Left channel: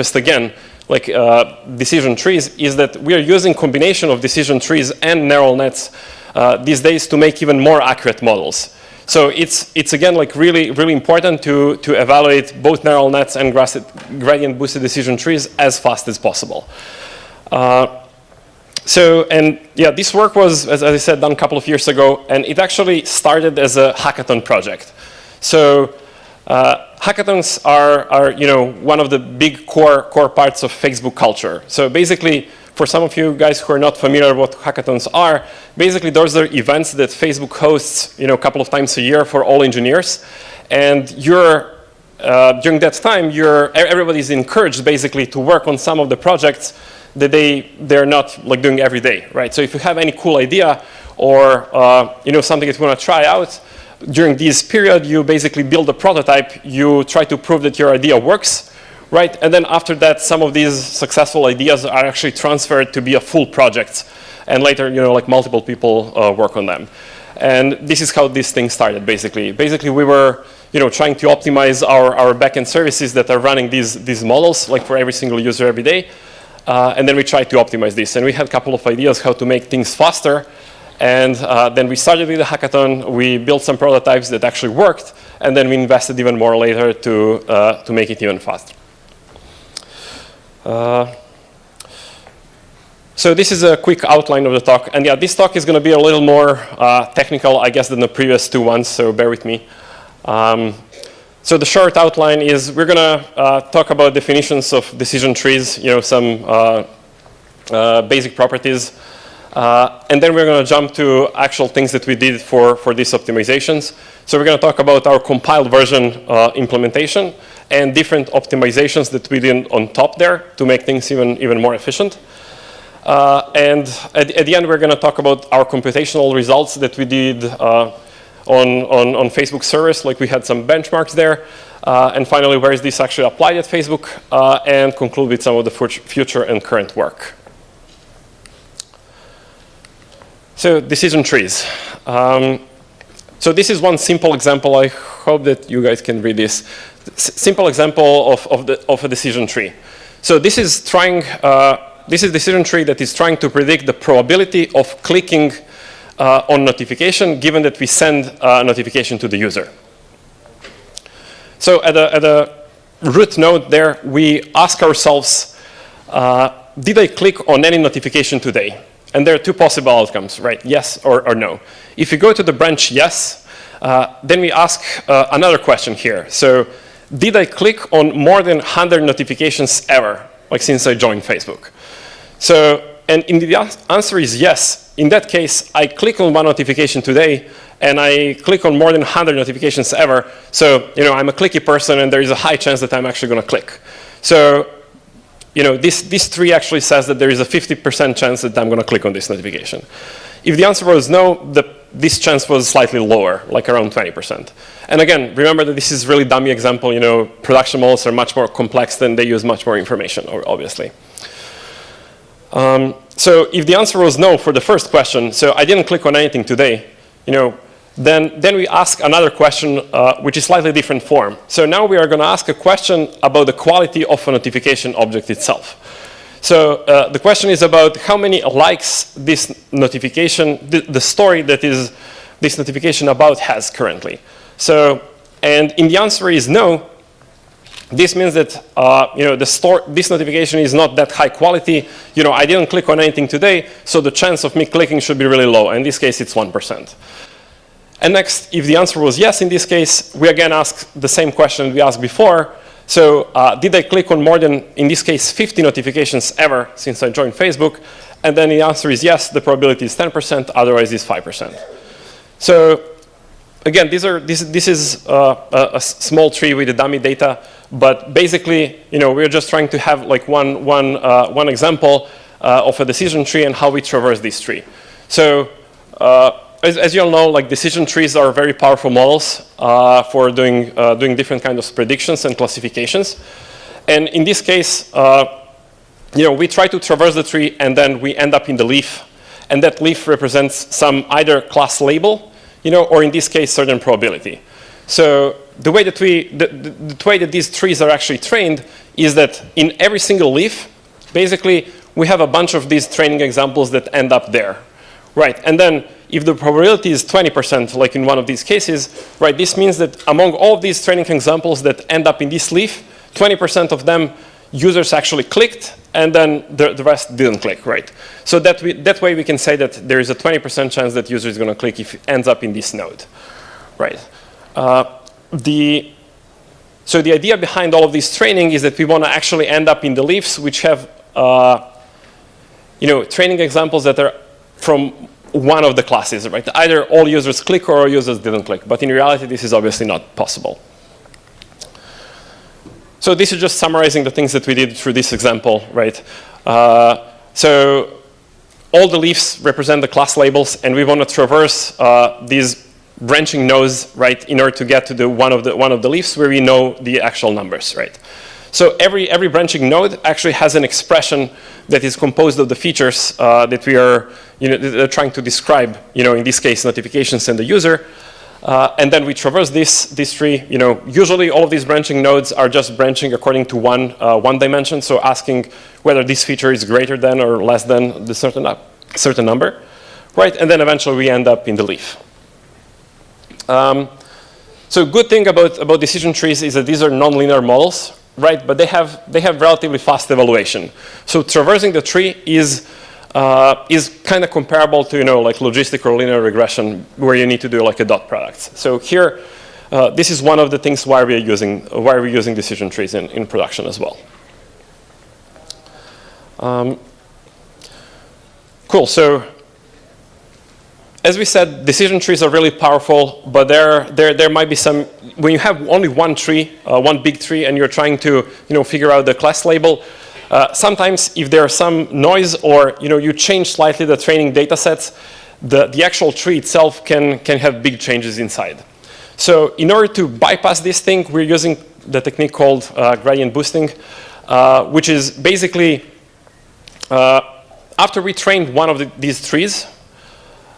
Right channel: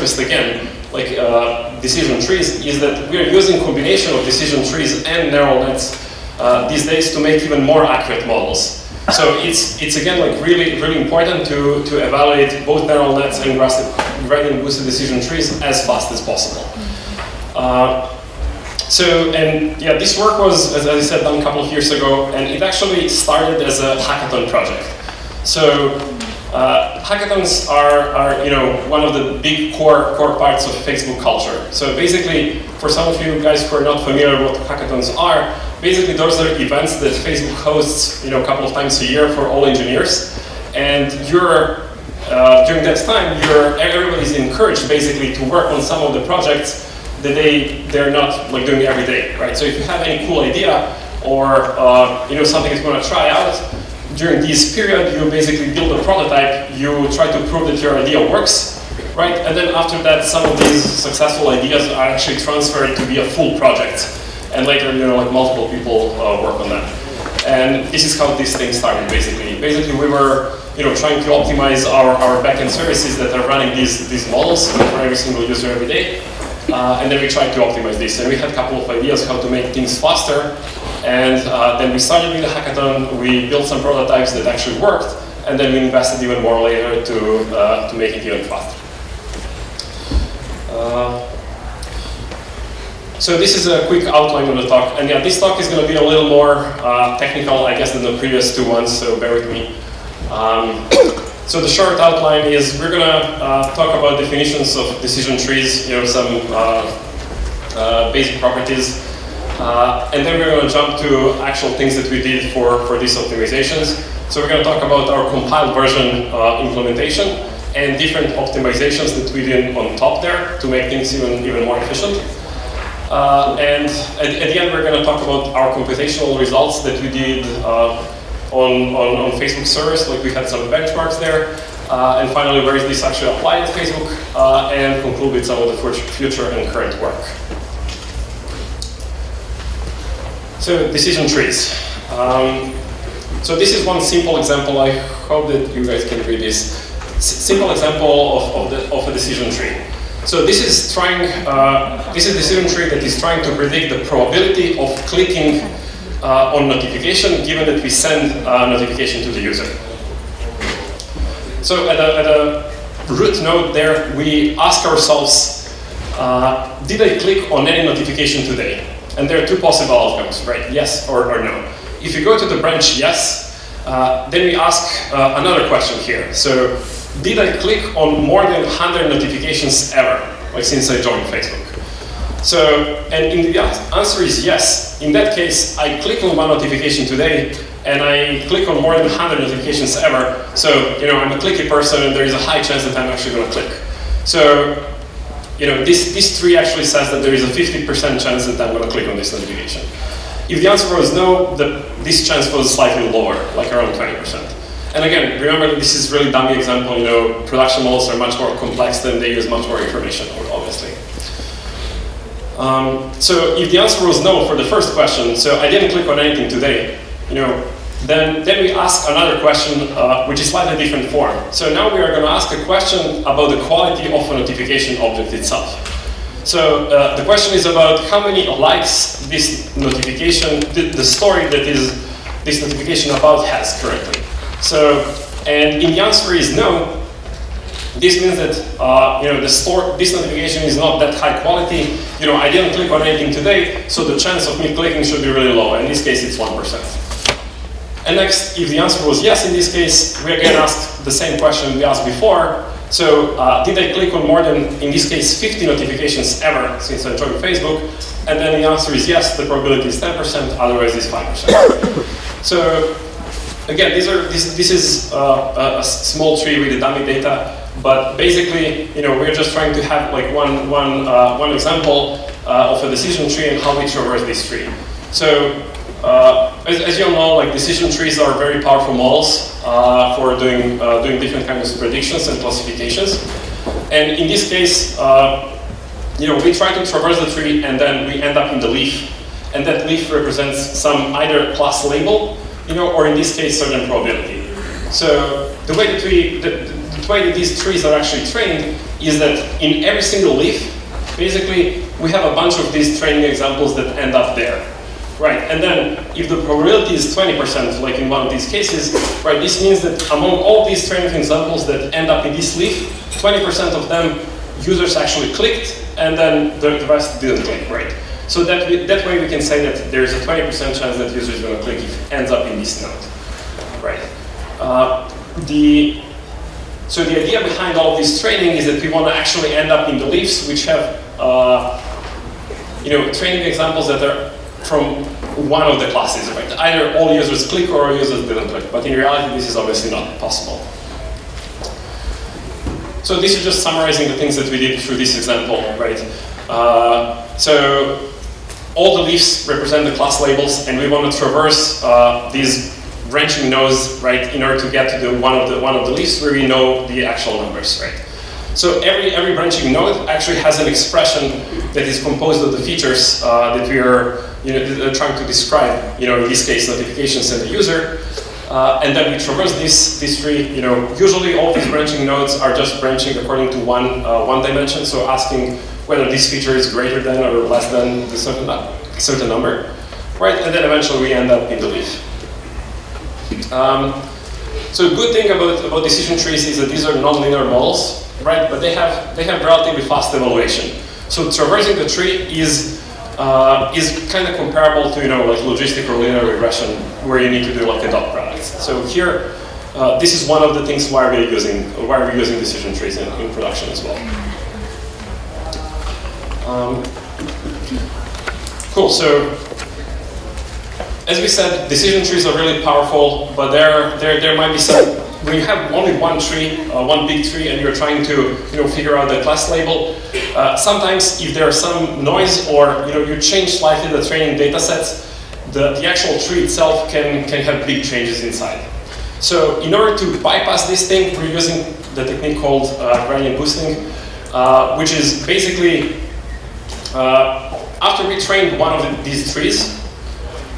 just again, like decision trees, is that we are using combination of decision trees and neural nets these days to make even more accurate models. So it's again like really important to evaluate both neural nets and gradient boosted decision trees as fast as possible. This work was, as I said, done a couple of years ago, and it actually started as a hackathon project. So hackathons are one of the big core parts of Facebook culture. So basically, for some of you guys who are not familiar with what hackathons are, basically those are events that Facebook hosts a couple of times a year for all engineers, and during that time everybody is encouraged basically to work on some of the projects that they're not like doing every day, right? So if you have any cool idea or something that you want to try out, during this period you basically build a prototype, you try to prove that your idea works, right? And then after that, some of these successful ideas are actually transferred to be a full project, and later like multiple people work on them. And this is how this thing started basically. Basically we were trying to optimize our backend services that are running these models for every single user every day. And then we tried to optimize this. And we had a couple of ideas how to make things faster. And then we started with the hackathon. We built some prototypes that actually worked. And then we invested even more later to make it even faster. So this is a quick outline of the talk. And yeah, this talk is going to be a little more technical, I guess, than the previous two ones. So bear with me. So the short outline is we're going to talk about definitions of decision trees, some basic properties. And then we're going to jump to actual things that we did for these optimizations. So we're going to talk about our compiled version implementation and different optimizations that we did on top there to make things even more efficient. And at the end, we're going to talk about our computational results that we did on Facebook servers. Like we had some benchmarks there. And finally, where is this actually applied at Facebook? And conclude with some of the future and current work. So decision trees. So this is one simple example. I hope that you guys can read this. Simple example of a decision tree. So this is a decision tree that is trying to predict the probability of clicking on notification, given that we send a notification to the user. So at a root node there, we ask ourselves, did I click on any notification today? And there are two possible outcomes, right? Yes or no. If you go to the branch yes, then we ask another question here. So did I click on more than 100 notifications ever, like since I joined Facebook? So, and the answer is yes. In that case, I click on one notification today, and I click on more than 100 notifications ever. So, I'm a clicky person, and there is a high chance that I'm actually going to click. So, this tree actually says that there is a 50% chance that I'm going to click on this notification. If the answer was no, this chance was slightly lower, like around 20%. And again, remember that this is really dummy example. Production models are much more complex than they use much more information, obviously. So if the answer was no for the first question, so I didn't click on anything today, then we ask another question, which is slightly different form. So now we are going to ask a question about the quality of a notification object itself. So the question is about how many likes this notification, the story that is this notification about has currently. So, and if the answer is no, this means that this notification is not that high quality. I didn't click on anything today, so the chance of me clicking should be really low. In this case, it's 1%. And next, if the answer was yes, in this case, we again ask the same question we asked before. So, did I click on more than, in this case, 50 notifications ever since I joined Facebook? And then the answer is yes, the probability is 10%, otherwise it's 5%. So, again, this is a small tree with the dummy data. But basically, we're just trying to have like one example of a decision tree and how we traverse this tree. So, as you all know, like decision trees are very powerful models for doing different kinds of predictions and classifications. And in this case, we try to traverse the tree and then we end up in the leaf, and that leaf represents some either class label, or in this case, certain probability. So the way that these trees are actually trained is that in every single leaf, basically, we have a bunch of these training examples that end up there. Right, and then if the probability is 20%, like in one of these cases, right, this means that among all these training examples that end up in this leaf, 20% of them users actually clicked, and then the rest didn't click, right? So that way we can say that there is a 20% chance that user is going to click if it ends up in this node, right? So the idea behind all this training is that we want to actually end up in the leaves which have training examples that are from one of the classes, right? Either all users click or all users didn't click, but in reality this is obviously not possible. So this is just summarizing the things that we did through this example, right? So all the leaves represent the class labels, and we want to traverse these branching nodes, right, in order to get to one of the leaves where we know the actual numbers, right? So every branching node actually has an expression that is composed of the features that we are trying to describe, in this case, notifications and the user. And then we traverse this tree. Usually all these branching nodes are just branching according to one dimension, so asking whether this feature is greater than or less than the certain number, right? And then eventually we end up in the leaf. So a good thing about decision trees is that these are nonlinear models, right? But they have relatively fast evaluation. So traversing the tree is kind of comparable to like logistic or linear regression, where you need to do like a dot product. So here, this is one of the things why we're using decision trees in production as well. Cool. So as we said, decision trees are really powerful, but there might be some. When you have only one tree, one big tree, and you're trying to figure out the class label. Sometimes if there's some noise or you change slightly the training data sets, the actual tree itself can have big changes inside. So in order to bypass this thing, we're using the technique called gradient boosting, which is basically after we trained one of these trees,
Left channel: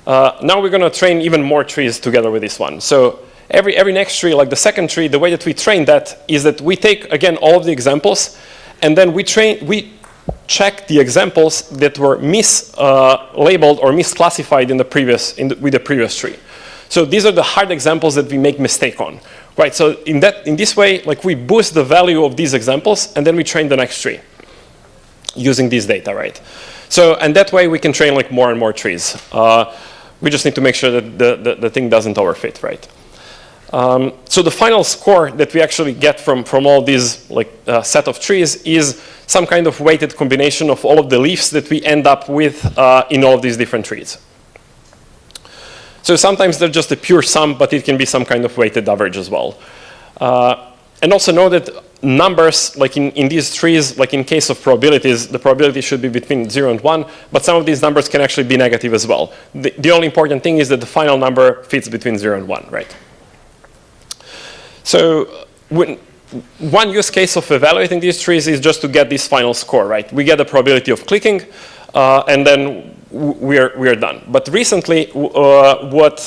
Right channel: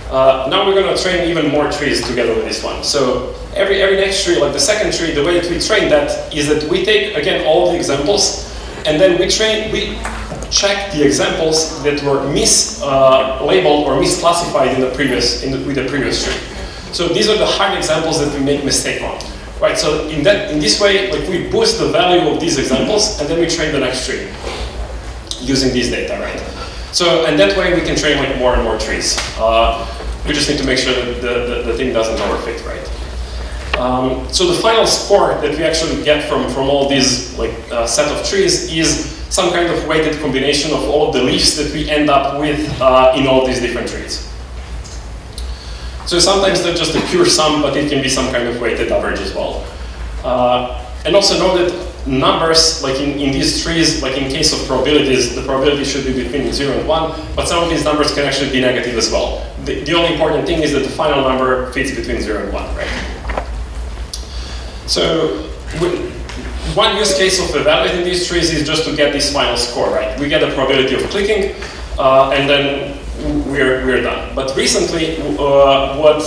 now we're going to train even more trees together with this one. So every next tree, like the second tree, the way that we train that is that we take again all the examples. And then we check the examples that were mislabeled or misclassified with the previous tree. So these are the hard examples that we make mistake on, right? So in this way, like we boost the value of these examples, and then we train the next tree using this data, right? So and that way we can train like more and more trees. We just need to make sure that the thing doesn't overfit, right? So the final score that we actually get from all these set of trees is some kind of weighted combination of all of the leaves that we end up with in all these different trees. So sometimes they're just a pure sum, but it can be some kind of weighted average as well. And also know that numbers, like in these trees, like in case of probabilities, the probability should be between 0 and 1, but some of these numbers can actually be negative as well. The only important thing is that the final number fits between 0 and 1, right? So one use case of evaluating these trees is just to get this final score, right? We get the probability of clicking, and then we're done. But recently, what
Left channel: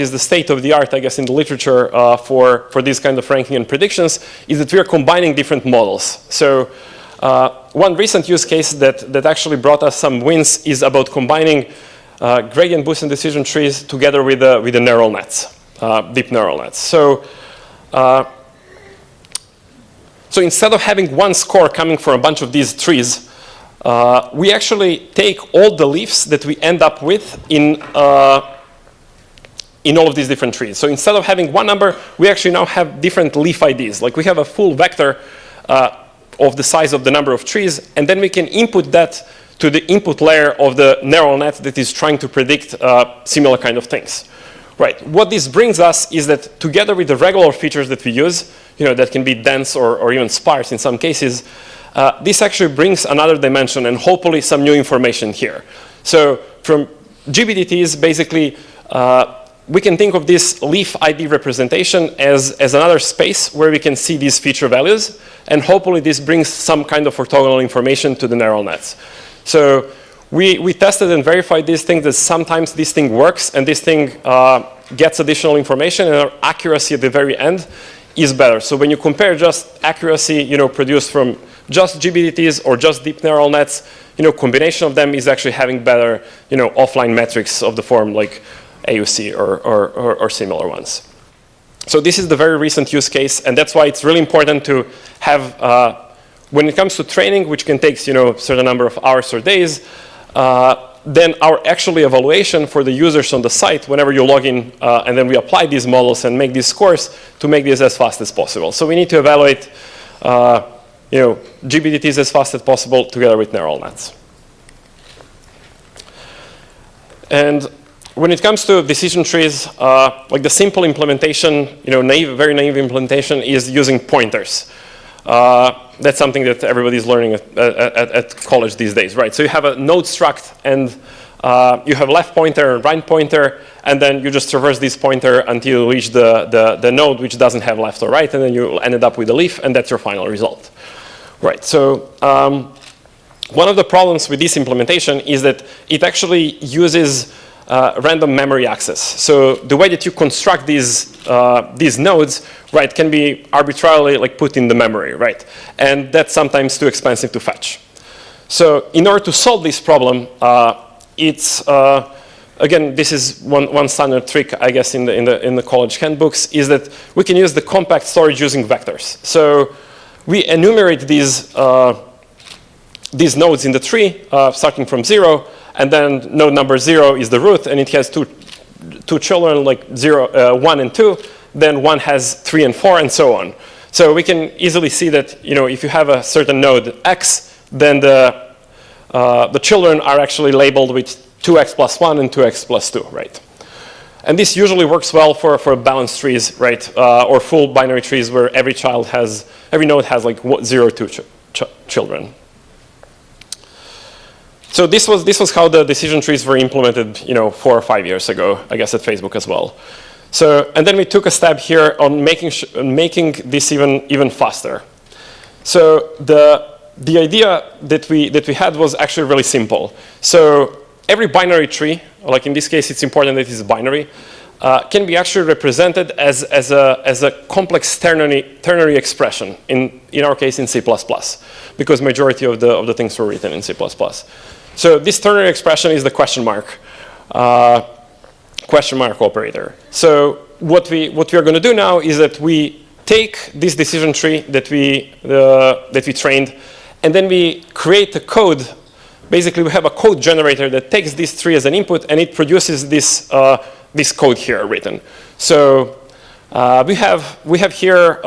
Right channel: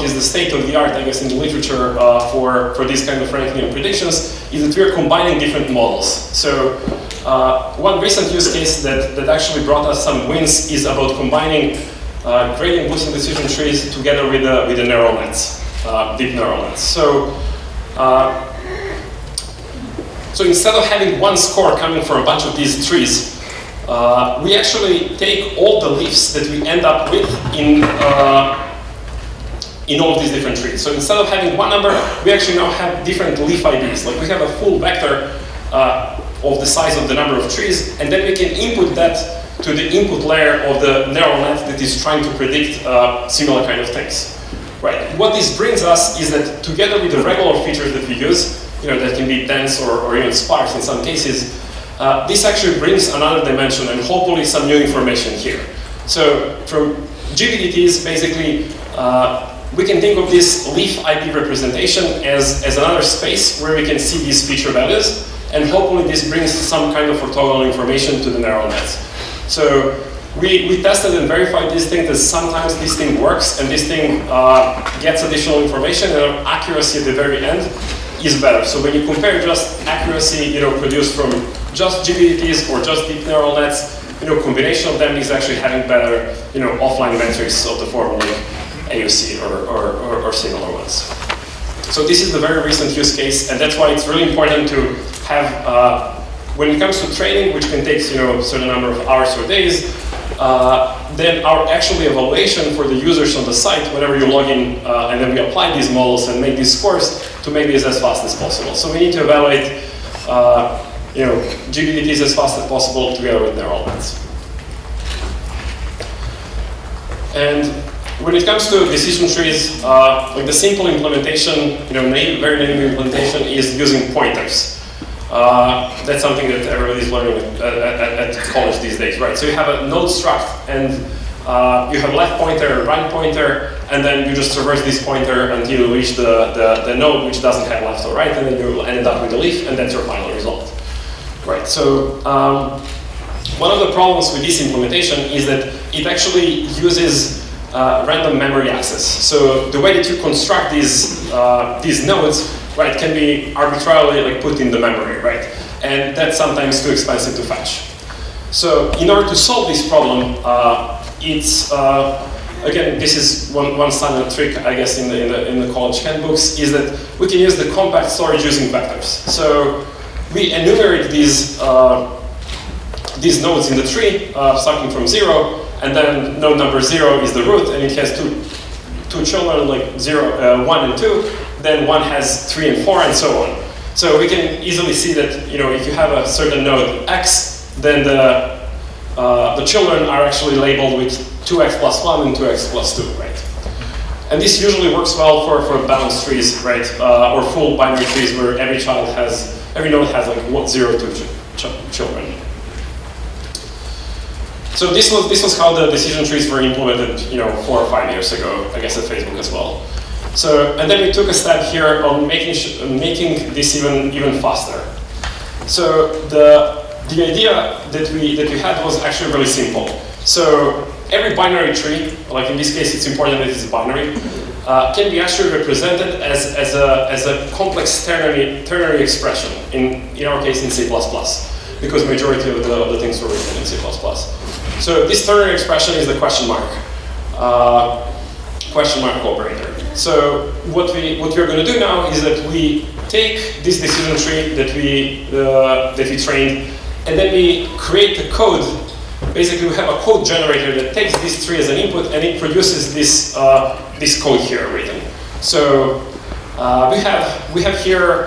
is the state of the art, I guess, in the literature for this kind of ranking and predictions is that we are combining different models. So one recent use case that actually brought us some wins is about combining gradient boosted decision trees together with the neural nets, deep neural nets. So instead of having one score coming from a bunch of these trees, we actually take all the leaves that we end up with in all of these different trees. So instead of having one number, we actually now have different leaf IDs. Like we have a full vector of the size of the number of trees, and then we can input that to the input layer of the neural net that is trying to predict similar kind of things. Right. What this brings us is that together with the regular features that we use, that can be dense or even sparse in some cases, this actually brings another dimension and hopefully some new information here. So from GBDTs, basically, we can think of this leaf ID representation as another space where we can see these feature values, and hopefully this brings some kind of orthogonal information to the neural nets. So we tested and verified this thing that sometimes this thing works and this thing gets additional information, and our accuracy at the very end is better. So when you compare just accuracy, produced from just GBDTs or just deep neural nets, combination of them is actually having better, offline metrics of the form like AUC or similar ones. So this is the very recent use case, and that's why it's really important to have, when it comes to training, which can take, a certain number of hours or days, then our actually evaluation for the users on the site, whenever you log in, and then we apply these models and make these scores to make this as fast as possible. So we need to evaluate, GBDTs as fast as possible together with neural nets. And when it comes to decision trees, like the simple implementation, very native implementation is using pointers. That's something that everybody's learning at college these days, right? So you have a node struct, and you have left pointer, right pointer, and then you just traverse this pointer until you reach the node which doesn't have left or right, and then you ended up with a leaf, and that's your final result. Right, so one of the problems with this implementation is that it actually uses random memory access. So the way that you construct these nodes, right, can be arbitrarily put in the memory, right? And that's sometimes too expensive to fetch. So in order to solve this problem, it's again, this is one standard trick, I guess, in the college handbooks, is that we can use the compact storage using vectors. So we enumerate these nodes in the tree, starting from 0, and then node number 0 is the root, and it has two children, like 1 and 2. Then 1 has 3 and 4, and so on. So we can easily see that if you have a certain node x, then the children are actually labeled with 2x plus 1 and 2x plus 2, right? And this usually works well for balanced trees, right? Or full binary trees where every node has like 0 to children. So this was how the decision trees were implemented, 4 or 5 years ago, I guess at Facebook as well. So, and then we took a step here on making this even faster. So the idea that we had was actually really simple. So every binary tree, like in this case, it's important that it's binary, can be actually represented as a complex ternary expression. In our case, in C++, because majority of the things were written in C++. So this ternary expression is the question mark operator. So what we are going to do now is that we take this decision tree that we trained, and then we create a code. Basically, we have a code generator that takes this tree as an input, and it produces this code here written. So we have here.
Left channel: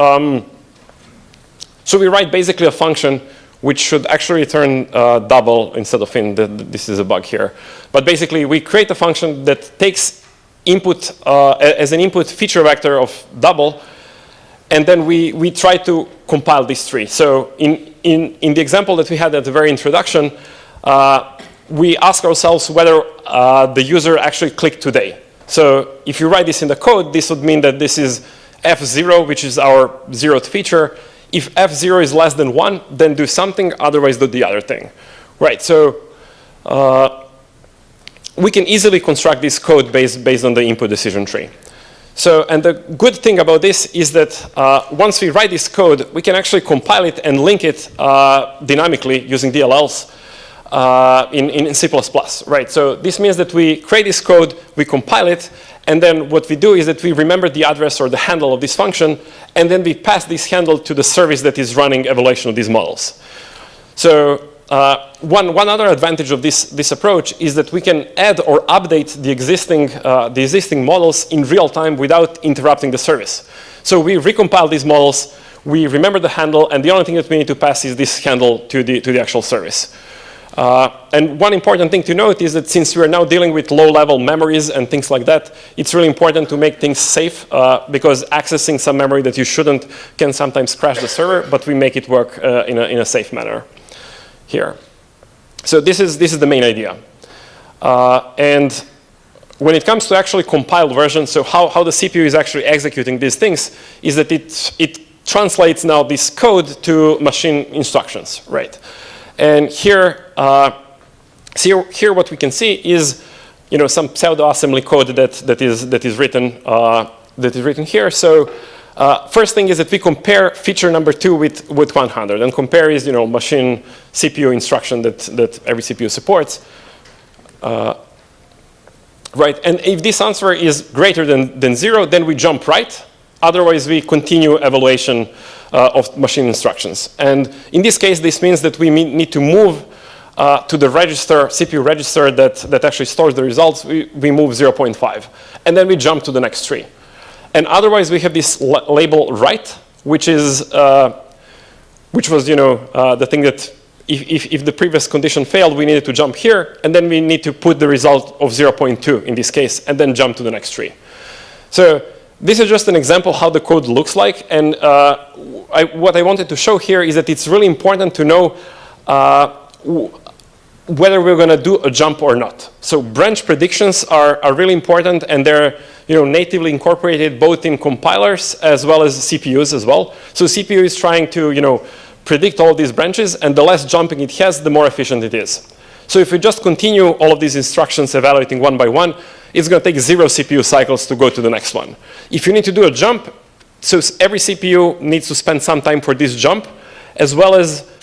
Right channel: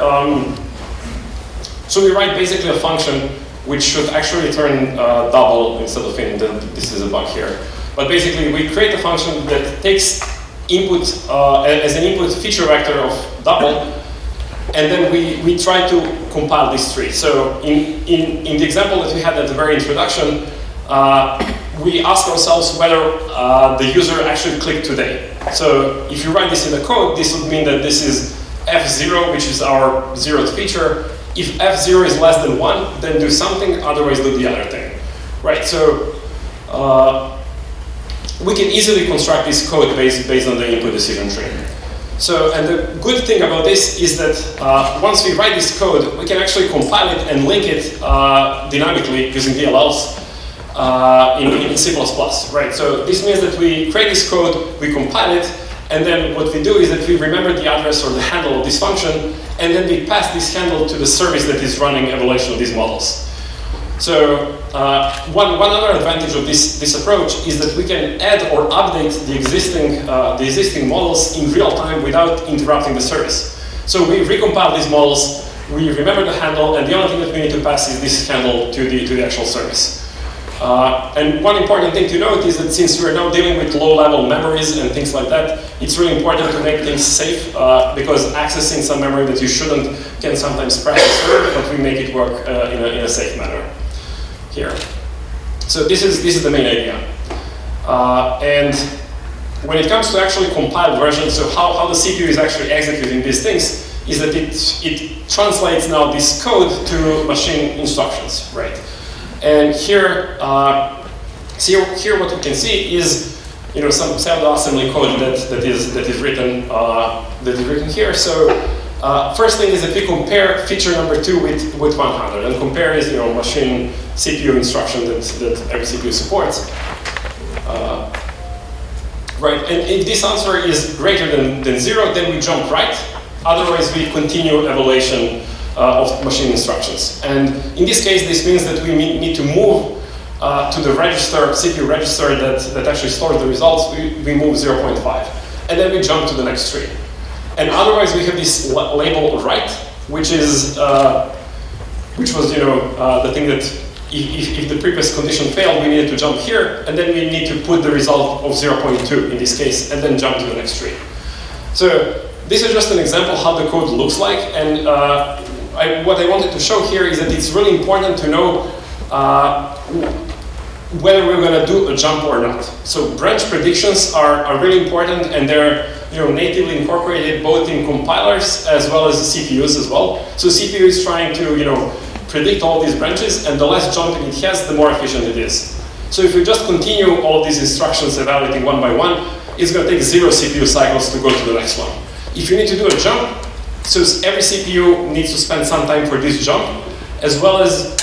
So we write basically a function which should actually return double instead of int. This is a bug here. But basically, we create a function that takes input as an input feature vector of double, and then we try to compile this tree. So in the example that we had at the very introduction, we ask ourselves whether the user actually clicked today. So if you write this in the code, this would mean that this is f0, which is our 0th feature. If f0 is less than 1, then do something, otherwise do the other thing. Right, so we can easily construct this code based on the input decision tree. So, and the good thing about this is that once we write this code, we can actually compile it and link it dynamically using DLLs in C++, right? So this means that we create this code, we compile it, and then what we do is that we remember the address or the handle of this function, and then we pass this handle to the service that is running evaluation of these models. So one other advantage of this approach is that we can add or update the existing models in real time without interrupting the service. So we recompile these models, we remember the handle, and the only thing that we need to pass is this handle to the actual service. And one important thing to note is that since we're now dealing with low-level memories and things like that, it's really important to make things safe because accessing some memory that you shouldn't can sometimes crash the server, but we make it work in a safe manner here. So this is the main idea. And when it comes to actually compiled versions, so how the CPU is actually executing these things is that it translates now this code to machine instructions, right? And here, here what we can see is, some pseudo assembly code that is written here. So First thing is that we compare feature number 2 with 100. And compare is, machine CPU instruction that every CPU supports. Right, and if this answer is greater than 0, then we jump right. Otherwise, we continue evaluation of machine instructions. And in this case, this means that we need to move to the register, CPU register that actually stores the results. We move 0.5. And then we jump to the next tree. And otherwise, we have this label right, which was, the thing that if the previous condition failed, we needed to jump here, and then we need to put the result of 0.2 in this case, and then jump to the next tree. So this is just an example how the code looks like, and what I wanted to show here is that it's really important to know whether we're going to do a jump or not. So branch predictions are really important, and they're natively incorporated both in compilers as well as CPUs as well. So CPU is trying to predict all these branches, and the less jumping it has, the more efficient it is. So if we just continue all of these instructions evaluating one by one, it's going to take 0 CPU cycles to go to the next one. If you need to do a jump, so every CPU needs to spend some time for this jump, as well as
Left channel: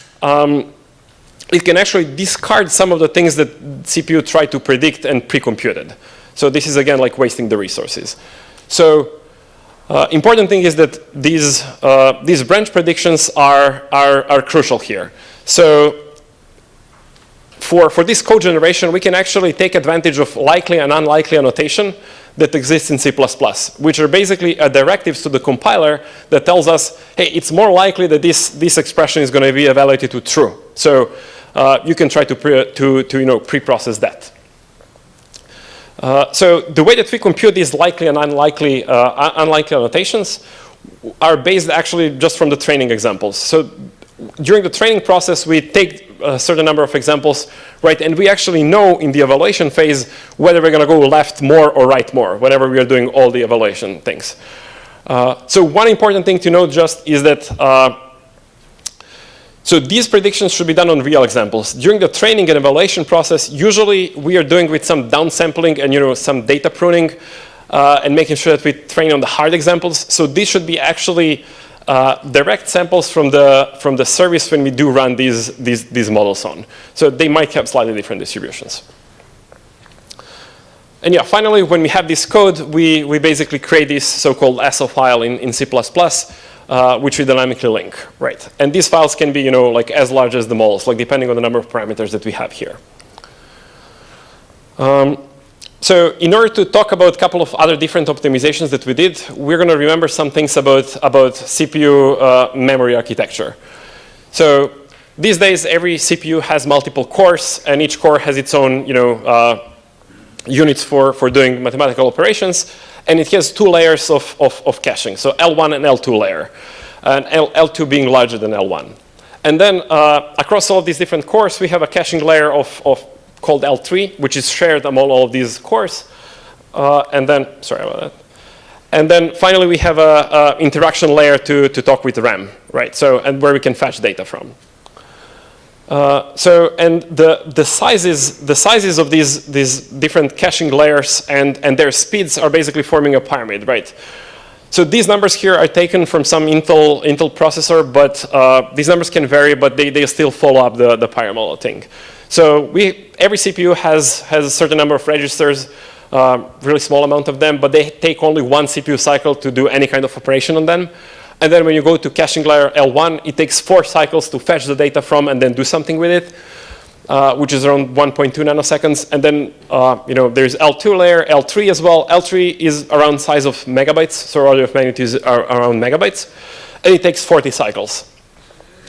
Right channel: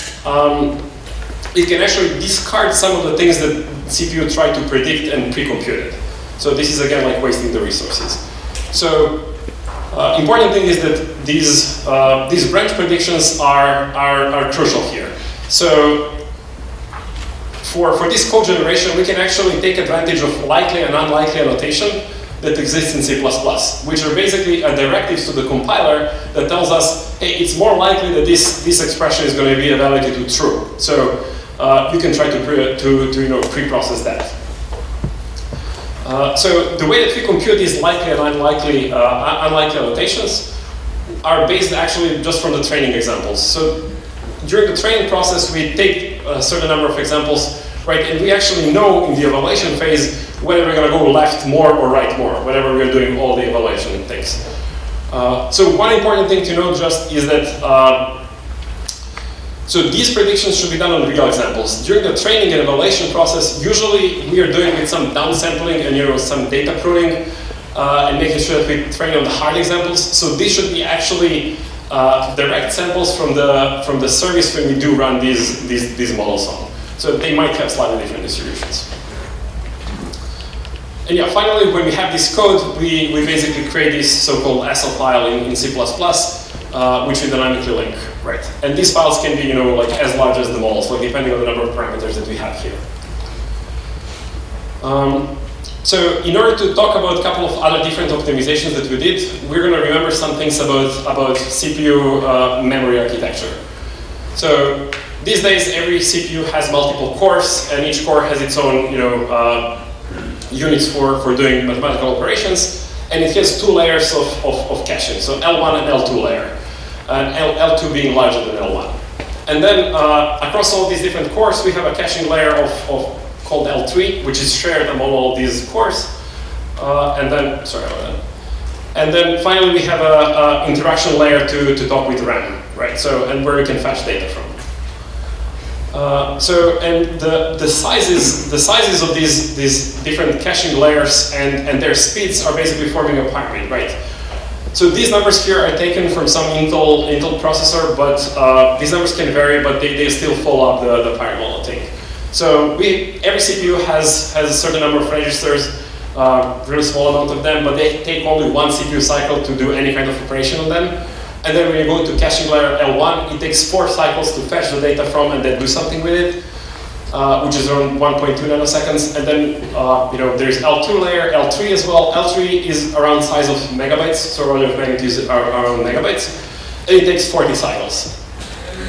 it can actually discard some of the things that CPU tried to predict and pre-compute it. So this is again like wasting the resources. So important thing is that these branch predictions are crucial here. So for this code generation, we can actually take advantage of likely and unlikely annotation that exists in C++, which are basically directives to the compiler that tells us, hey, it's more likely that this expression is going to be evaluated to true. So you can try to pre-process that. So the way that we compute these likely and unlikely annotations are based actually just from the training examples. So during the training process, we take a certain number of examples, right, and we actually know in the evaluation phase whether we're going to go left more or right more, whenever we are doing all the evaluation things. So one important thing to note just is that so these predictions should be done on real examples. During the training and evaluation process, usually we are doing with some downsampling and some data pruning and making sure that we train on the hard examples. So these should be actually direct samples from the service when we do run these models on. So they might have slightly different distributions. And yeah, finally, when we have this code, we basically create this so-called SL file in C++. Which we dynamically link, right? And these files can be, like as large as the models, like depending on the number of parameters that we have here. So in order to talk about a couple of other different optimizations that we did, we're going to remember some things about CPU memory architecture. So these days, every CPU has multiple cores, and each core has its own, units for doing mathematical operations. And it has 2 layers of caching, so L1 and L2 layer, and L2 being larger than L1. And then across all these different cores, we have a caching layer called L3, which is shared among all these cores. And then finally, we have an interaction layer to talk with RAM, right? So and where we can fetch data from. The sizes of these different caching layers and their speeds are basically forming a pyramid, right? So these numbers here are taken from some Intel processor, but these numbers can vary, but they still follow up the pyramidal thing. So every CPU has a certain number of registers, really small amount of them, but they take only 1 CPU cycle to do any kind of operation on them. And then when you go to caching layer L1, it takes 4 cycles to fetch the data from and then do something with it, which is around 1.2 nanoseconds. And then there's L2 layer, L3 as well. L3 is around size of megabytes, so order of magnitude are around megabytes. And it takes 40 cycles.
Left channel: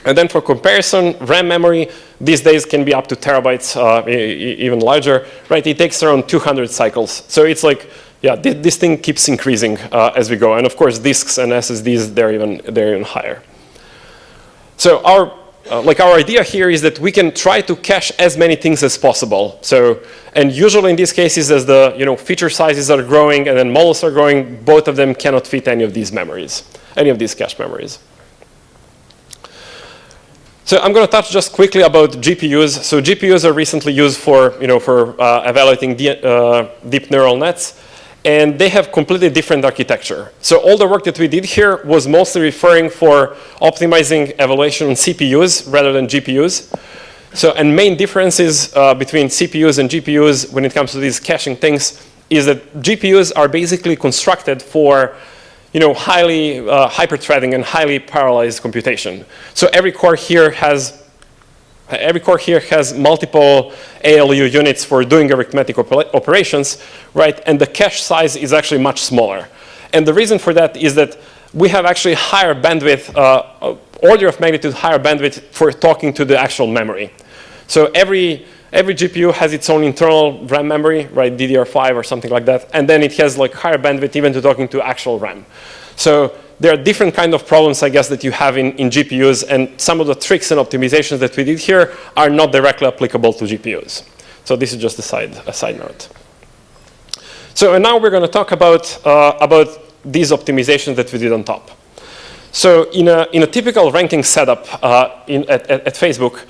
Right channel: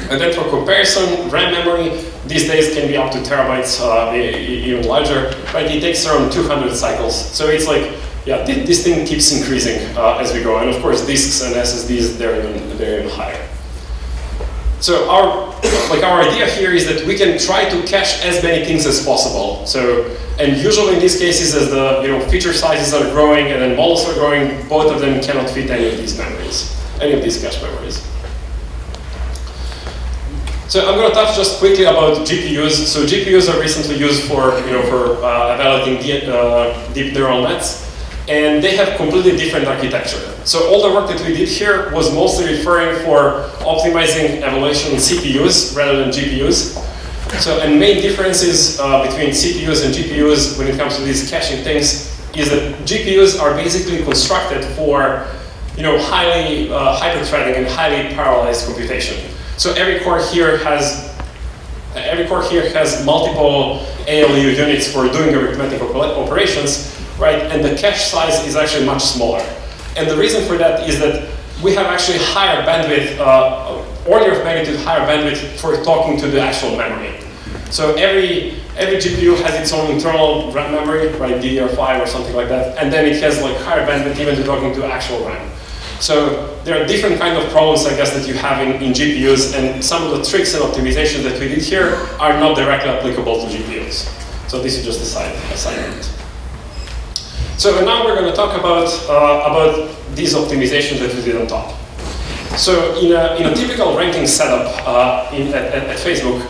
And then for comparison, RAM memory these days can be up to terabytes, even larger. Right? It takes around 200 cycles. So it's like, yeah, this thing keeps increasing as we go, and of course, disks and SSDs they're even higher. So our idea here is that we can try to cache as many things as possible. So, and usually in these cases, as the feature sizes are growing and then models are growing, both of them cannot fit any of these memories, any of these cache memories. So I'm going to touch just quickly about GPUs. So GPUs are recently used for evaluating deep neural nets. and they have completely different architecture. So all the work that we did here was mostly referring for optimizing evaluation on CPUs rather than GPUs. So, and main differences between CPUs and GPUs when it comes to these caching things is that GPUs are basically constructed for, highly hyper-threading and highly parallelized computation. So every core here has multiple ALU units for doing arithmetic operations, right? And the cache size is actually much smaller. And the reason for that is that we have actually higher bandwidth, order of magnitude higher bandwidth for talking to the actual memory. So every GPU has its own internal RAM memory, right, DDR5 or something like that, and then it has like higher bandwidth even to talking to actual RAM. So there are different kind of problems, I guess, that you have in GPUs, and some of the tricks and optimizations that we did here are not directly applicable to GPUs. So this is just a side note. So and now we're going to talk about these optimizations that we did on top. So in a typical ranking setup at Facebook,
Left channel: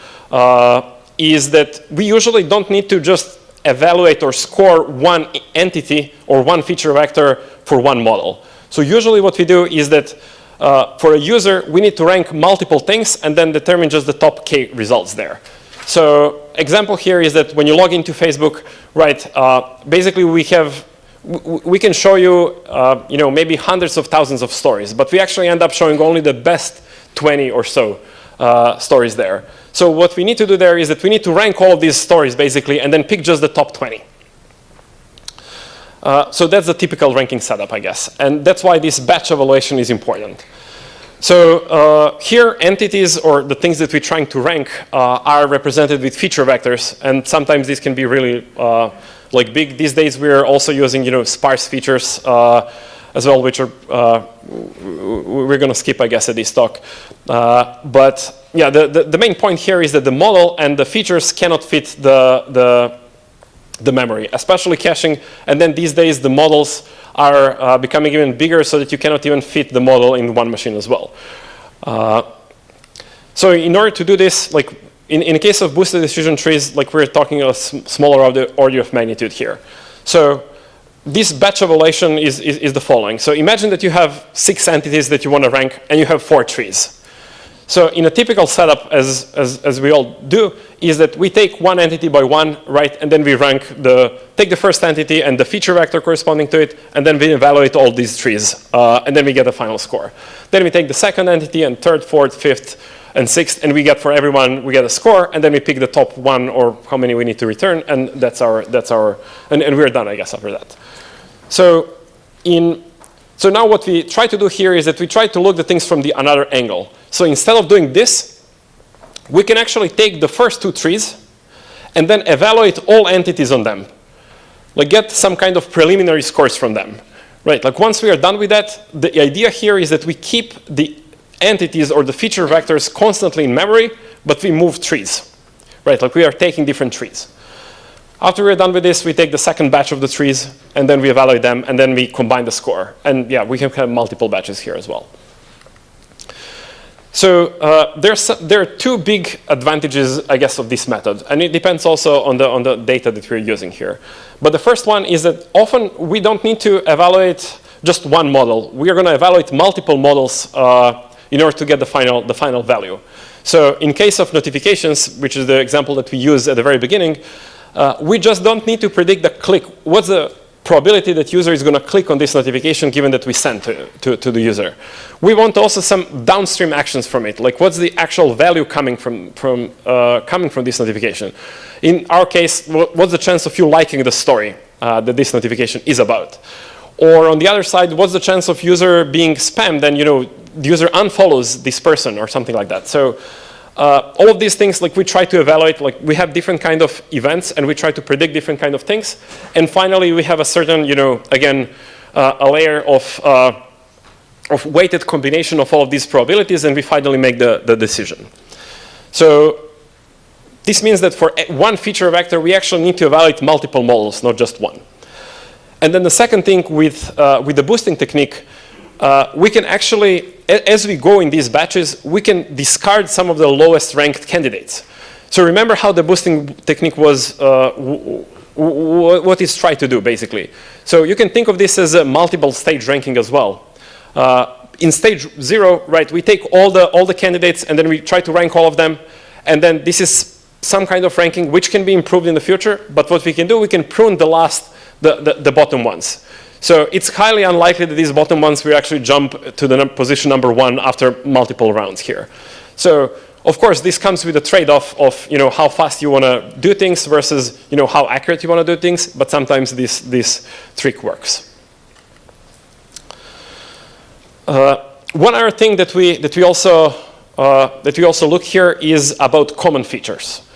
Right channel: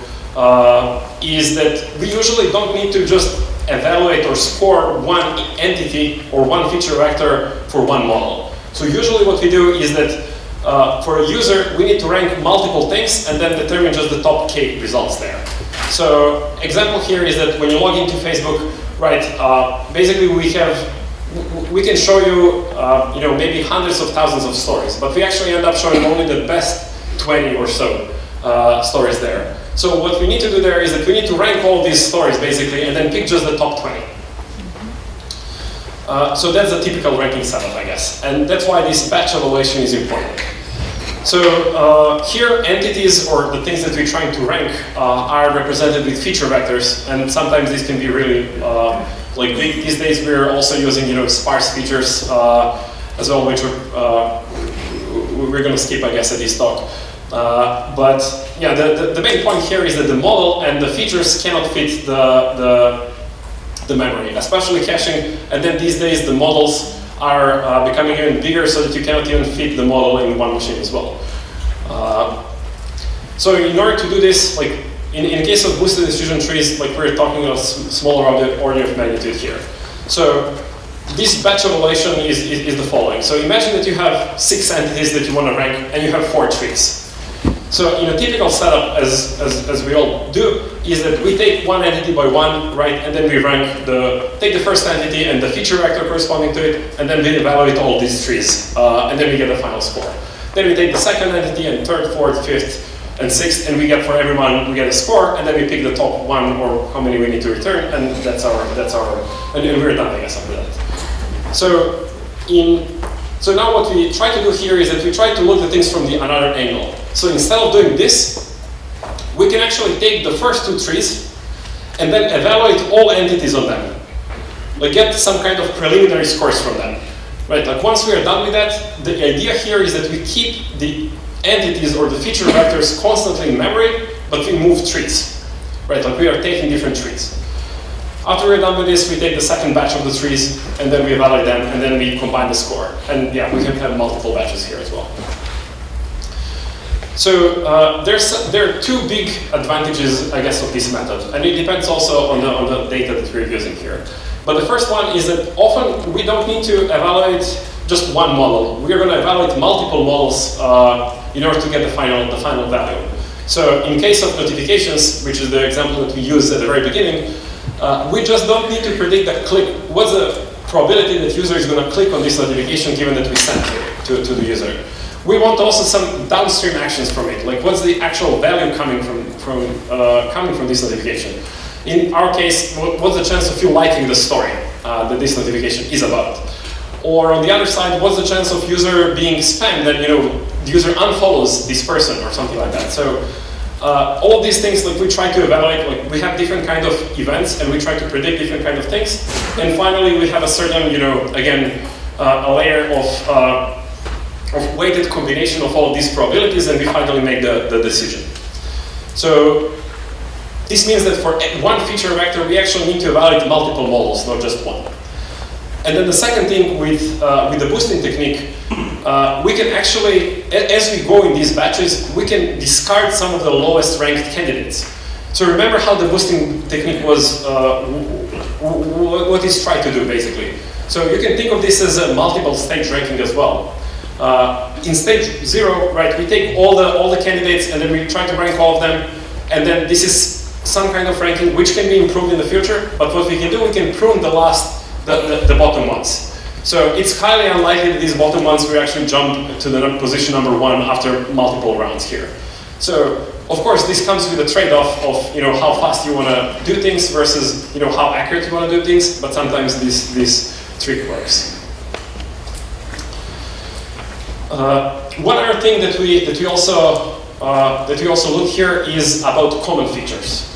is that we usually don't need to just evaluate or score one entity or one feature vector for one model. So usually what we do is that for a user, we need to rank multiple things and then determine just the top K results there. So example here is that when you log into Facebook, right, basically we can show you, maybe hundreds of thousands of stories, but we actually end up showing only the best 20 or so stories there. So what we need to do there is that we need to rank all these stories basically and then pick just the top 20. So that's a typical ranking setup, I guess. And that's why this batch evaluation is important. So here entities or the things that we're trying to rank are represented with feature vectors, and sometimes these can be really big. These days we're also using sparse features as well, which are we're going to skip, I guess, at this talk. But yeah, the main point here is that the model and the features cannot fit the memory, especially caching. And then these days the models are becoming even bigger so that you cannot even fit the model in one machine as well. So in order to do this, like in case of boosted diffusion trees, like we're talking a smaller order of magnitude here. So this batch evaluation is the following. So imagine that you have 6 entities that you want to rank and you have 4 trees. So in a typical setup, as we all do, is that we take one entity by one, right, and then we rank take the first entity and the feature vector corresponding to it, and then we evaluate all these trees, and then we get a final score. Then we take the second entity and third, fourth, fifth, and sixth, and we get for everyone we get a score, and then we pick the top one or how many we need to return, and that's our and we're done, I guess, after that. So now what we try to do here is that we try to look at things from the another angle. So instead of doing this, we can actually take the first 2 trees and then evaluate all entities on them. Like get some kind of preliminary scores from them. Right, like once we are done with that, the idea here is that we keep the entities or the feature vectors constantly in memory, but we move trees. Right, like we are taking different trees. After we're done with this, we take the second batch of the trees and then we evaluate them and then we combine the score. And yeah, we can have multiple batches here as well. So there are 2 big advantages, I guess, of this method, and it depends also on the data that we're using here. But the first one is that often we don't need to evaluate just one model. We are going to evaluate multiple models in order to get the final value. So in case of notifications, which is the example that we used at the very beginning, we just don't need to predict the click. What's the probability that user is going to click on this notification given that we sent it to the user? We want also some downstream actions from it, like what's the actual value coming from this notification. In our case, what's the chance of you liking the story that this notification is about? Or on the other side, what's the chance of user being spammed and the user unfollows this person or something like that? So all of these things, like we try to evaluate, like we have different kind of events and we try to predict different kind of things. And finally, we have a certain, again, a layer of weighted combination of all of these probabilities, and we finally make the decision. So this means that for one feature vector, we actually need to evaluate multiple models, not just one. And then the second thing with the boosting technique, we can actually, as we go in these batches, we can discard some of the lowest ranked candidates. So remember how the boosting technique was, what it's trying to do, basically. So you can think of this as a multiple stage ranking as well. In stage 0, right, we take all the candidates and then we try to rank all of them, and then this is some kind of ranking which can be improved in the future. But what we can do, we can prune the bottom ones. So it's highly unlikely that these bottom ones will actually jump to the position number 1 after multiple rounds here. So of course, this comes with a trade-off of how fast you want to do things versus how accurate you want to do things. But sometimes this trick works. One other thing that we also look here is about common features.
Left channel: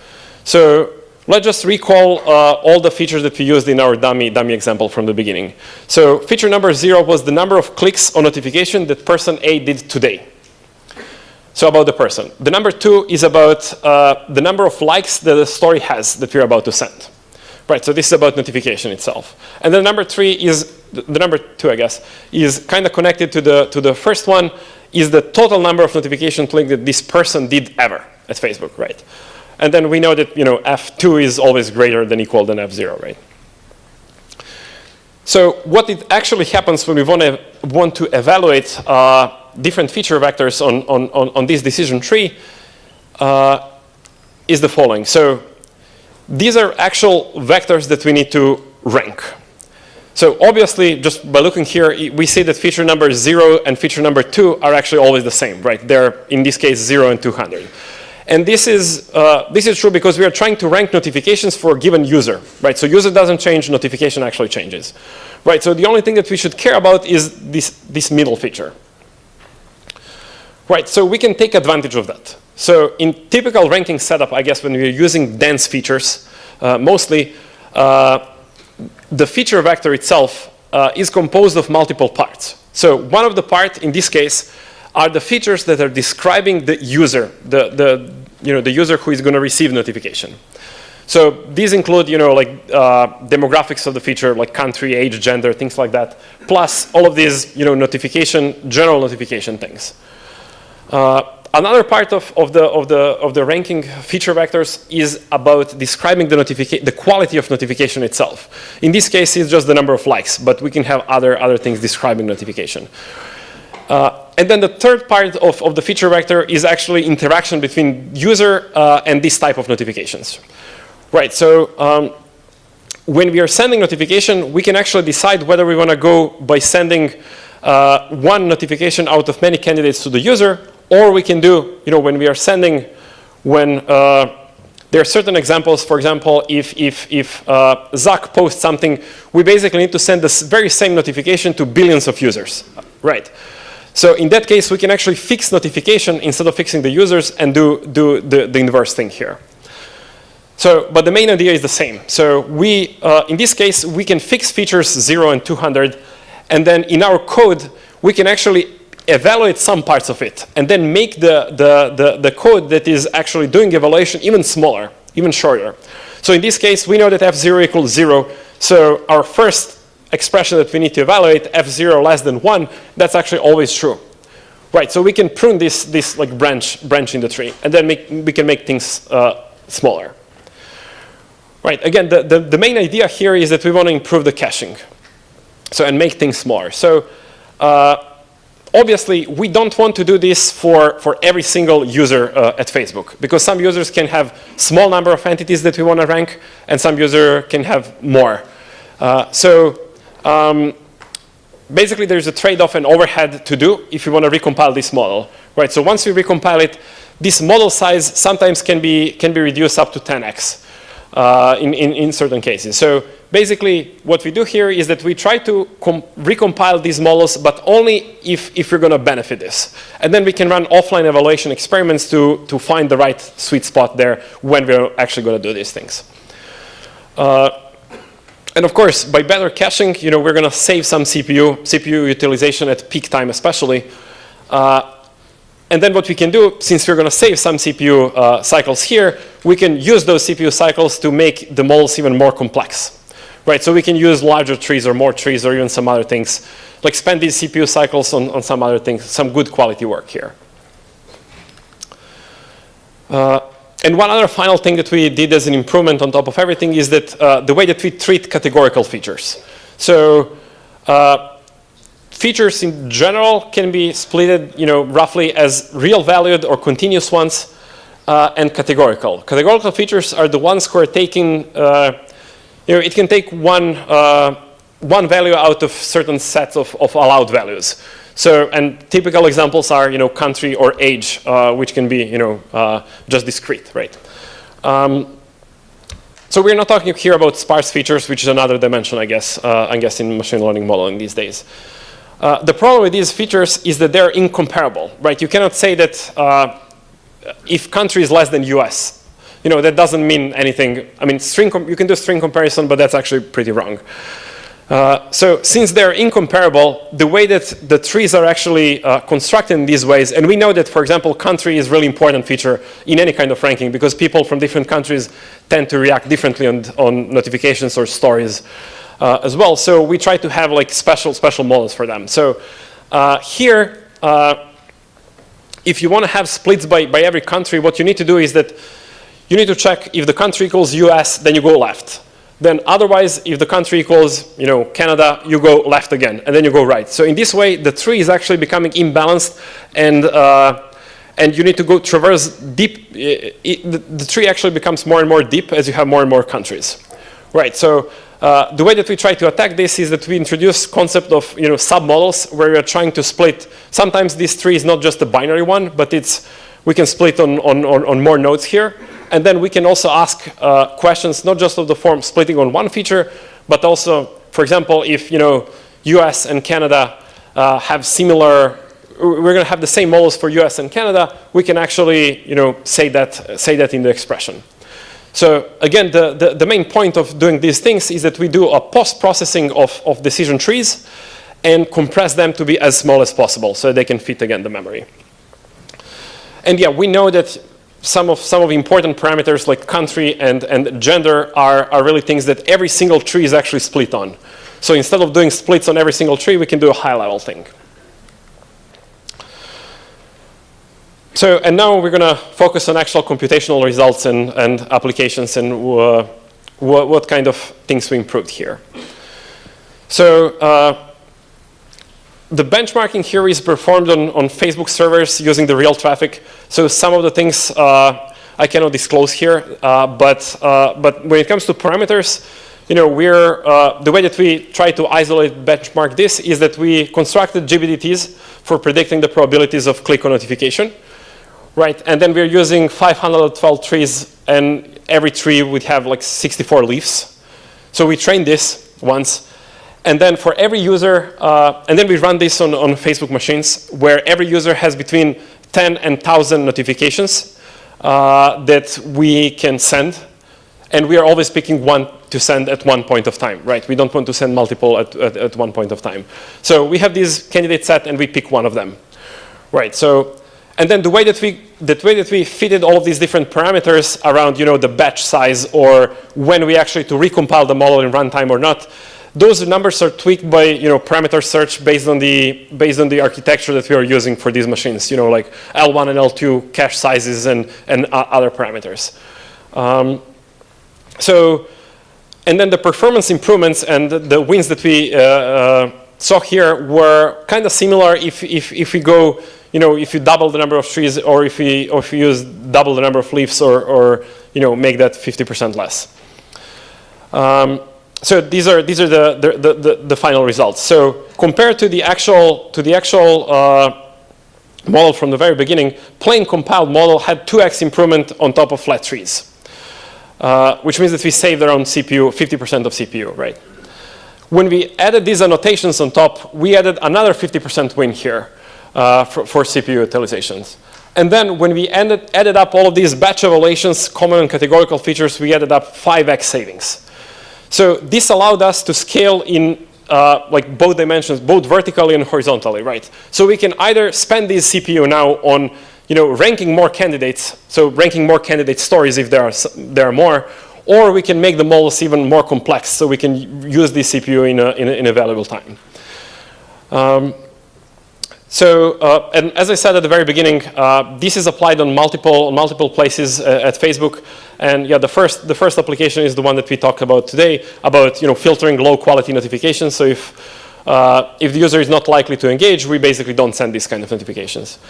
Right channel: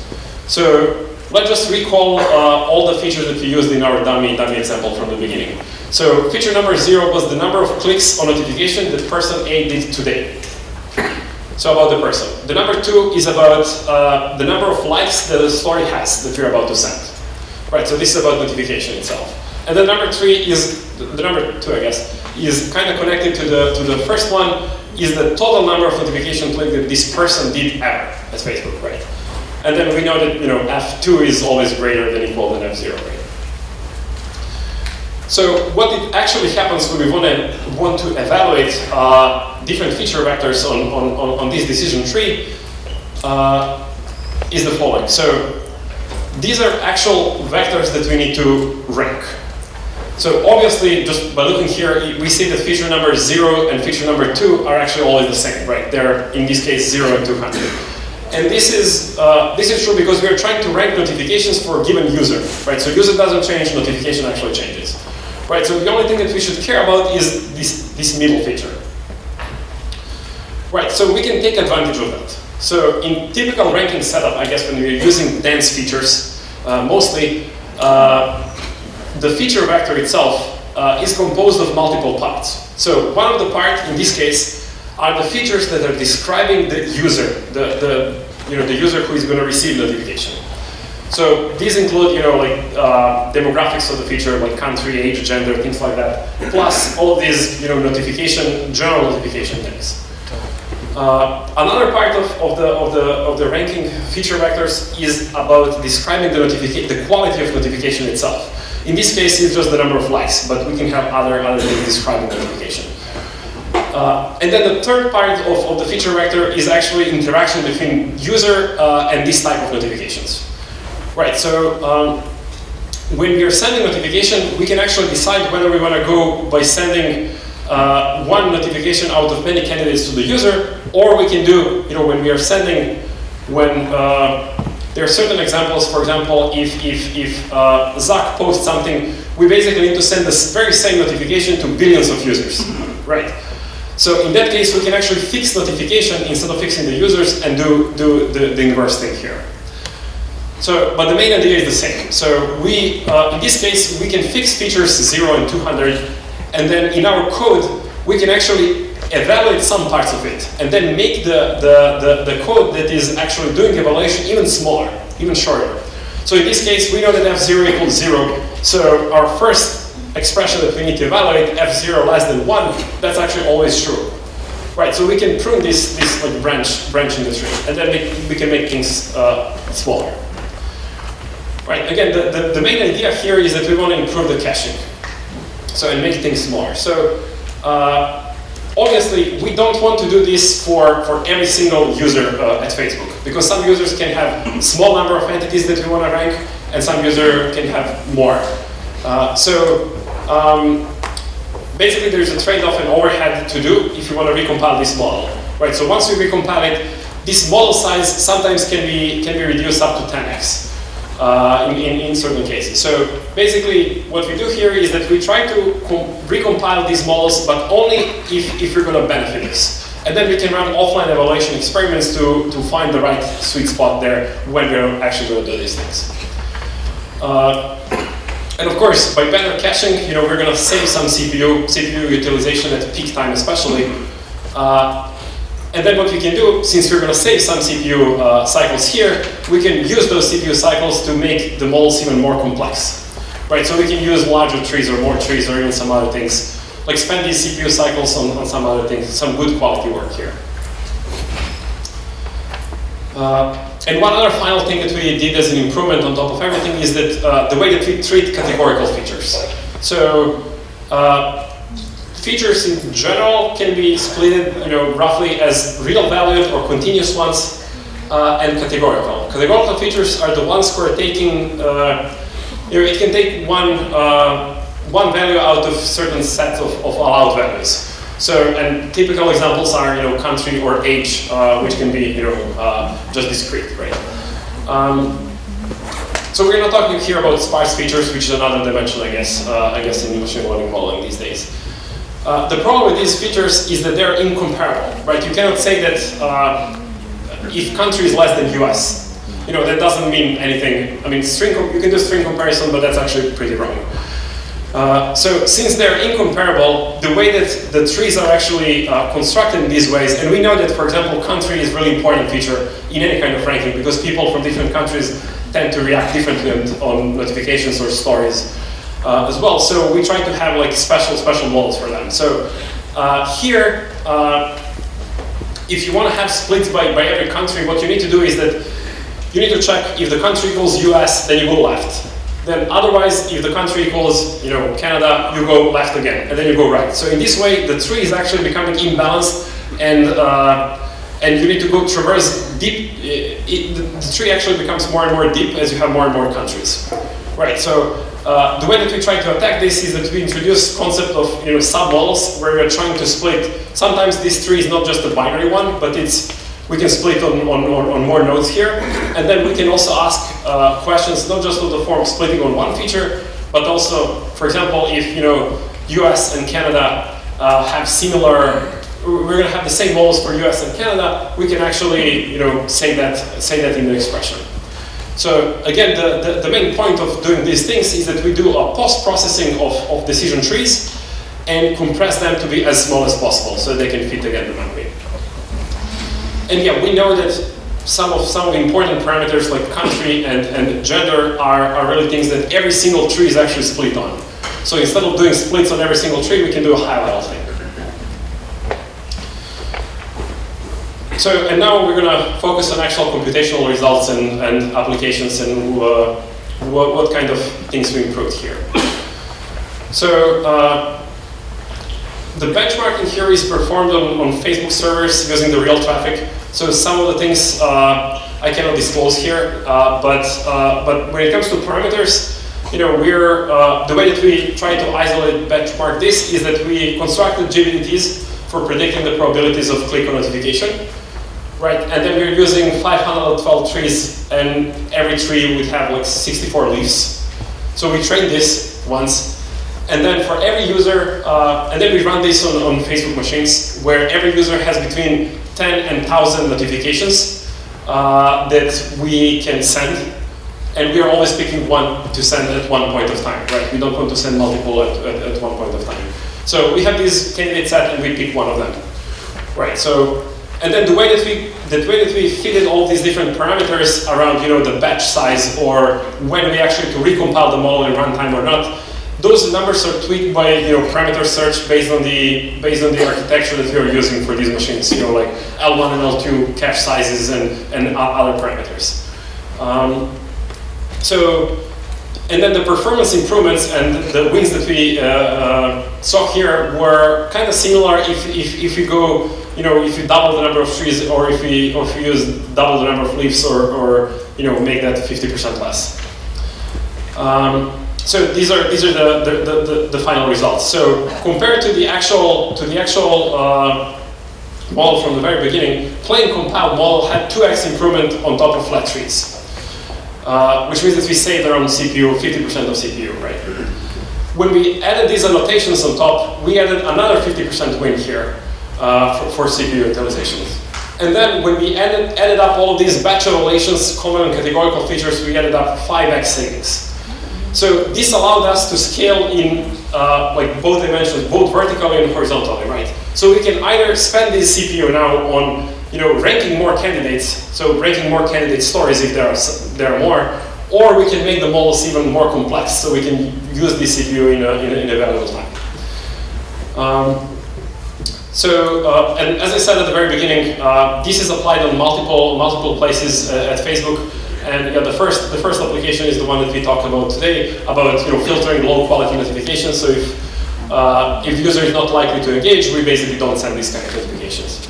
So let's just recall all the features that we used in our dummy example from the beginning. So feature number 0 was the number of clicks on notification that person A did today. So about the person. The number 2 is about the number of likes that the story has that we're about to send. Right, so this is about notification itself. And then number 3 is, the number 2 I guess, is kind of connected to the first one, is the total number of notification clicks that this person did ever at Facebook, right? And then we know that F2 is always greater than equal than F0, right? So what it actually happens when we want to evaluate different feature vectors on this decision tree is the following. So these are actual vectors that we need to rank. So obviously, just by looking here, we see that feature number 0 and feature number 2 are actually always the same, right? They're, in this case, 0 and 200. And this is true because we are trying to rank notifications for a given user, right? So user doesn't change, notification actually changes, right? So the only thing that we should care about is this middle feature, right? So we can take advantage of that. So in typical ranking setup, I guess when we're using dense features, mostly, the feature vector itself is composed of multiple parts. So one of the parts, in this case, are the features that are describing the user, the user who is going to receive notification. So these include, demographics of the feature, like country, age, gender, things like that, plus all of these, general notification things. Another part of the ranking feature vectors is about describing the quality of notification itself. In this case, it's just the number of likes, but we can have other things describing notification. And then the third part of the feature vector is actually interaction between user and this type of notifications. Right, so when we are sending notification, we can actually decide whether we want to go by sending one notification out of many candidates to the user, or we can do, when we are sending, there are certain examples. For example, if Zach posts something, we basically need to send this very same notification to billions of users, right? So in that case, we can actually fix notification instead of fixing the users and do the inverse thing here. So, but the main idea is the same. So we, in this case, we can fix features 0 and 200, and then in our code, we can actually evaluate some parts of it, and then make the code that is actually doing evaluation even smaller, even shorter. So in this case, we know that F0 equals 0. So our first expression that we need to evaluate, F0 less than 1, that's actually always true. Right, so we can prune this like branch in the tree, and then we can make things smaller. Right, again, the main idea here is that we want to improve the caching, so and make things smaller. So obviously, we don't want to do this for every single user at Facebook, because some users can have small number of entities that we want to rank, and some user can have more. Basically, there's a trade-off and overhead to do if you want to recompile this model, right? So once you recompile it, this model size sometimes can be reduced up to 10x in certain cases. So basically, what we do here is that we try to recompile these models, but only if we're going to benefit this. And then we can run offline evaluation experiments to find the right sweet spot there when we're actually going to do these things. And of course, by better caching, we're going to save some CPU utilization at peak time, especially. And then what we can do, since we're going to save some CPU cycles here, we can use those CPU cycles to make the models even more complex, right? So we can use larger trees or more trees or even some other things, like spend these CPU cycles on some other things, some good quality work here. And one other final thing that we did as an improvement on top of everything is that the way that we treat categorical features. So features in general can be split, roughly as real valued or continuous ones, and categorical. Categorical features are the ones who are taking, it can take one value out of certain set of allowed values. So, and typical examples are, country or age, which can be, just discrete, right? So we're not talking here about sparse features, which is another dimension, I guess, in machine learning modeling these days. The problem with these features is that they're incomparable, right? You cannot say that if country is less than US, that doesn't mean anything. I mean, you can do string comparison, but that's actually pretty wrong. So since they're incomparable, the way that the trees are actually constructed in these ways, and we know that, for example, country is a really important feature in any kind of ranking because people from different countries tend to react differently on notifications or stories as well. So we try to have like special models for them. So here, if you want to have splits by every country, what you need to do is that you need to check if the country equals US, then you go left. Then otherwise, if the country equals Canada, you go left again, and then you go right. So in this way, the tree is actually becoming imbalanced, and you need to go traverse deep. The tree actually becomes more and more deep as you have more and more countries. Right, so the way that we try to attack this is that we introduce concept of submodels where we're trying to split. Sometimes this tree is not just a binary one, but we can split on more nodes here. And then we can also ask questions, not just of the form splitting on one feature, but also, for example, if US and Canada have similar, we're going to have the same models for US and Canada, we can actually say that in the expression. So again, the main point of doing these things is that we do a post-processing of decision trees and compress them to be as small as possible so they can fit again the memory. And yeah, we know that some of the important parameters like country and gender are really things that every single tree is actually split on. So instead of doing splits on every single tree, we can do a high-level thing. So, and now we're going to focus on actual computational results and applications and what kind of things we improved here. So, the benchmarking here is performed on Facebook servers using the real traffic. So some of the things I cannot disclose here, but when it comes to parameters, the way that we try to isolate benchmark this is that we constructed GBDTs for predicting the probabilities of click on notification. Right, and then we're using 512 trees, and every tree would have like 64 leaves. So we train this once, and then for every user, and then we run this on Facebook machines, where every user has between 10 and 1,000 notifications that we can send, and we are always picking one to send at one point of time, right? We don't want to send multiple at one point of time. So we have this candidate set, and we pick one of them, right? So. And then the way that we fitted all these different parameters around, the batch size or when we actually to recompile the model in runtime or not, those numbers are tweaked by parameter search based on the architecture that we are using for these machines. Like L1 and L2 cache sizes and other parameters. And then the performance improvements and the wins that we saw here were kind of similar if we go. If you double the number of trees, or if you use double the number of leaves, or make that 50% less. So these are the final results. So compared to the actual model from the very beginning, plain compiled model had 2x improvement on top of flat trees, which means that we saved around CPU 50% of CPU, right? When we added these annotations on top, we added another 50% win here. For CPU utilizations. And then when we added up all these batch relations, common and categorical features, we added up 5x savings. So this allowed us to scale in like both dimensions, both vertically and horizontally, right? So we can either spend this CPU now on ranking more candidates, so ranking more candidate stories if there are more, or we can make the models even more complex, so we can use this CPU in a valuable time. And as I said at the very beginning, this is applied on multiple places at Facebook. And yeah, the first application is the one that we talked about today, about filtering low quality notifications. So if the user is not likely to engage, we basically don't send these kind of notifications.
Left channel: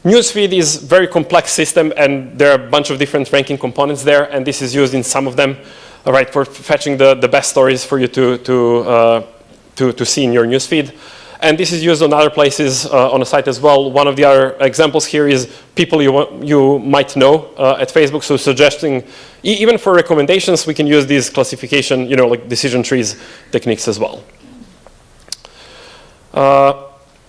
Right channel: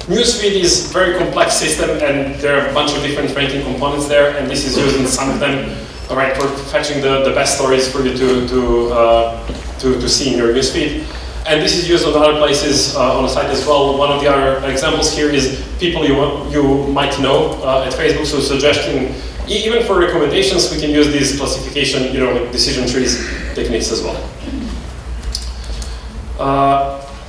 Newsfeed is a very complex system, and there are a bunch of different ranking components there, and this is used in some of them, right, for fetching the best stories for you to see in your newsfeed. And this is used on other places on the site as well. One of the other examples here is people you might know at Facebook. So suggesting, even for recommendations, we can use these classification, like decision trees techniques as well.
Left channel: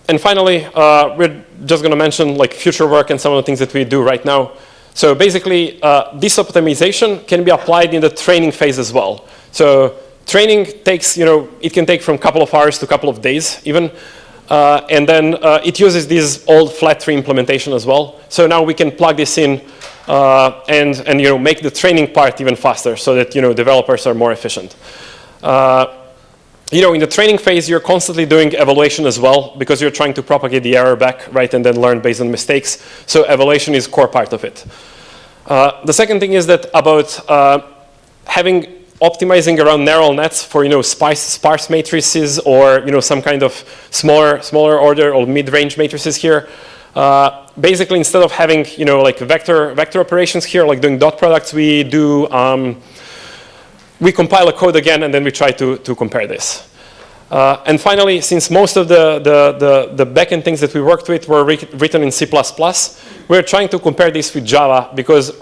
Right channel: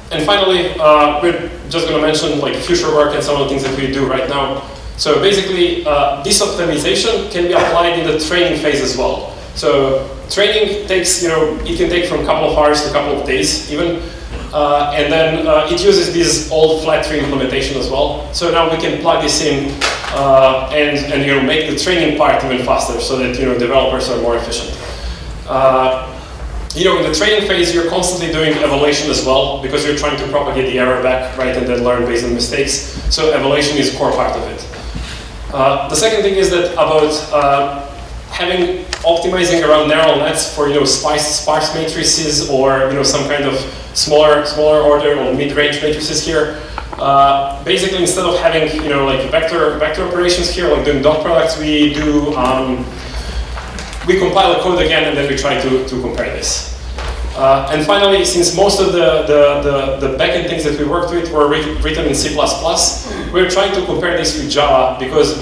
And finally, we're just going to mention like future work and some of the things that we do right now. So basically, this optimization can be applied in the training phase as well. So training takes, it can take from a couple of hours to a couple of days even. And then it uses this old flat tree implementation as well. So now we can plug this in and make the training part even faster so that developers are more efficient. In the training phase, you're constantly doing evaluation as well because you're trying to propagate the error back, right, and then learn based on mistakes. So evaluation is a core part of it. The second thing is that about optimizing around narrow nets for sparse matrices or some kind of smaller order or mid-range matrices here. Basically, instead of having like vector operations here, like doing dot products, we do we compile a code again and then we try to compare this. And finally, since most of the backend things that we worked with were written in C++, we're trying to compare this with Java because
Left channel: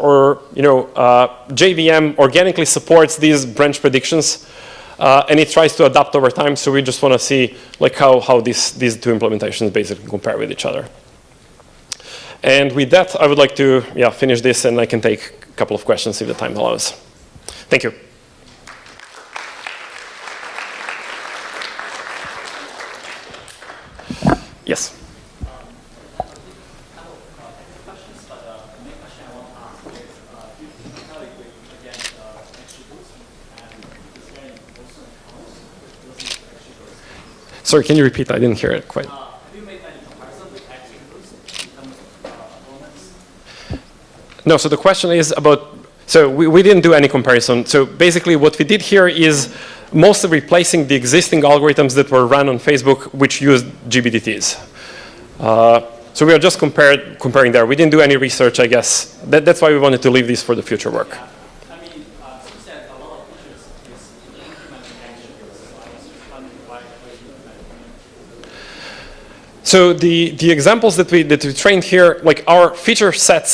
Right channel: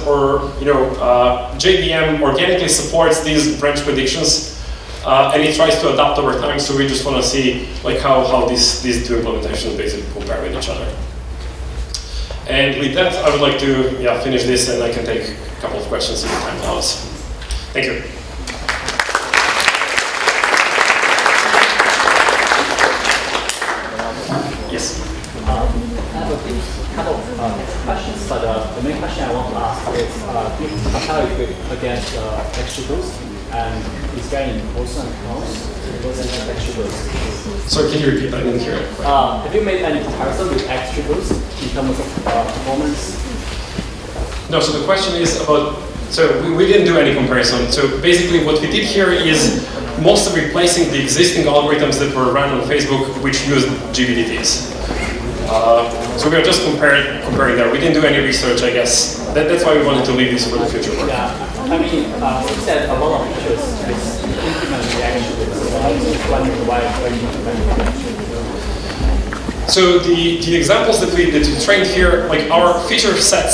JVM organically supports these branch predictions, and it tries to adapt over time. So we just want to see like how these two implementations basically compare with each other. And with that, I would like to finish this, and I can take a couple of questions if the time allows. Thank you. Yes. I have a couple of questions, but the main question I want to ask is, if you compare it against XGBoost, and is there any pros and cons against XGBoost? Sorry, can you repeat? I didn't hear it quite. Have you made any comparison with XGBoost in terms of performance? No, so the question is about, so we didn't do any comparison. So basically what we did here is mostly replacing the existing algorithms that were run on Facebook, which used GBDTs. So we are just comparing there. We didn't do any research, I guess. That's why we wanted to leave this for the future work. Yeah, I mean, you said a lot of features is implemented actually. So I was just wondering why you implemented. So the examples that we trained here, like our feature sets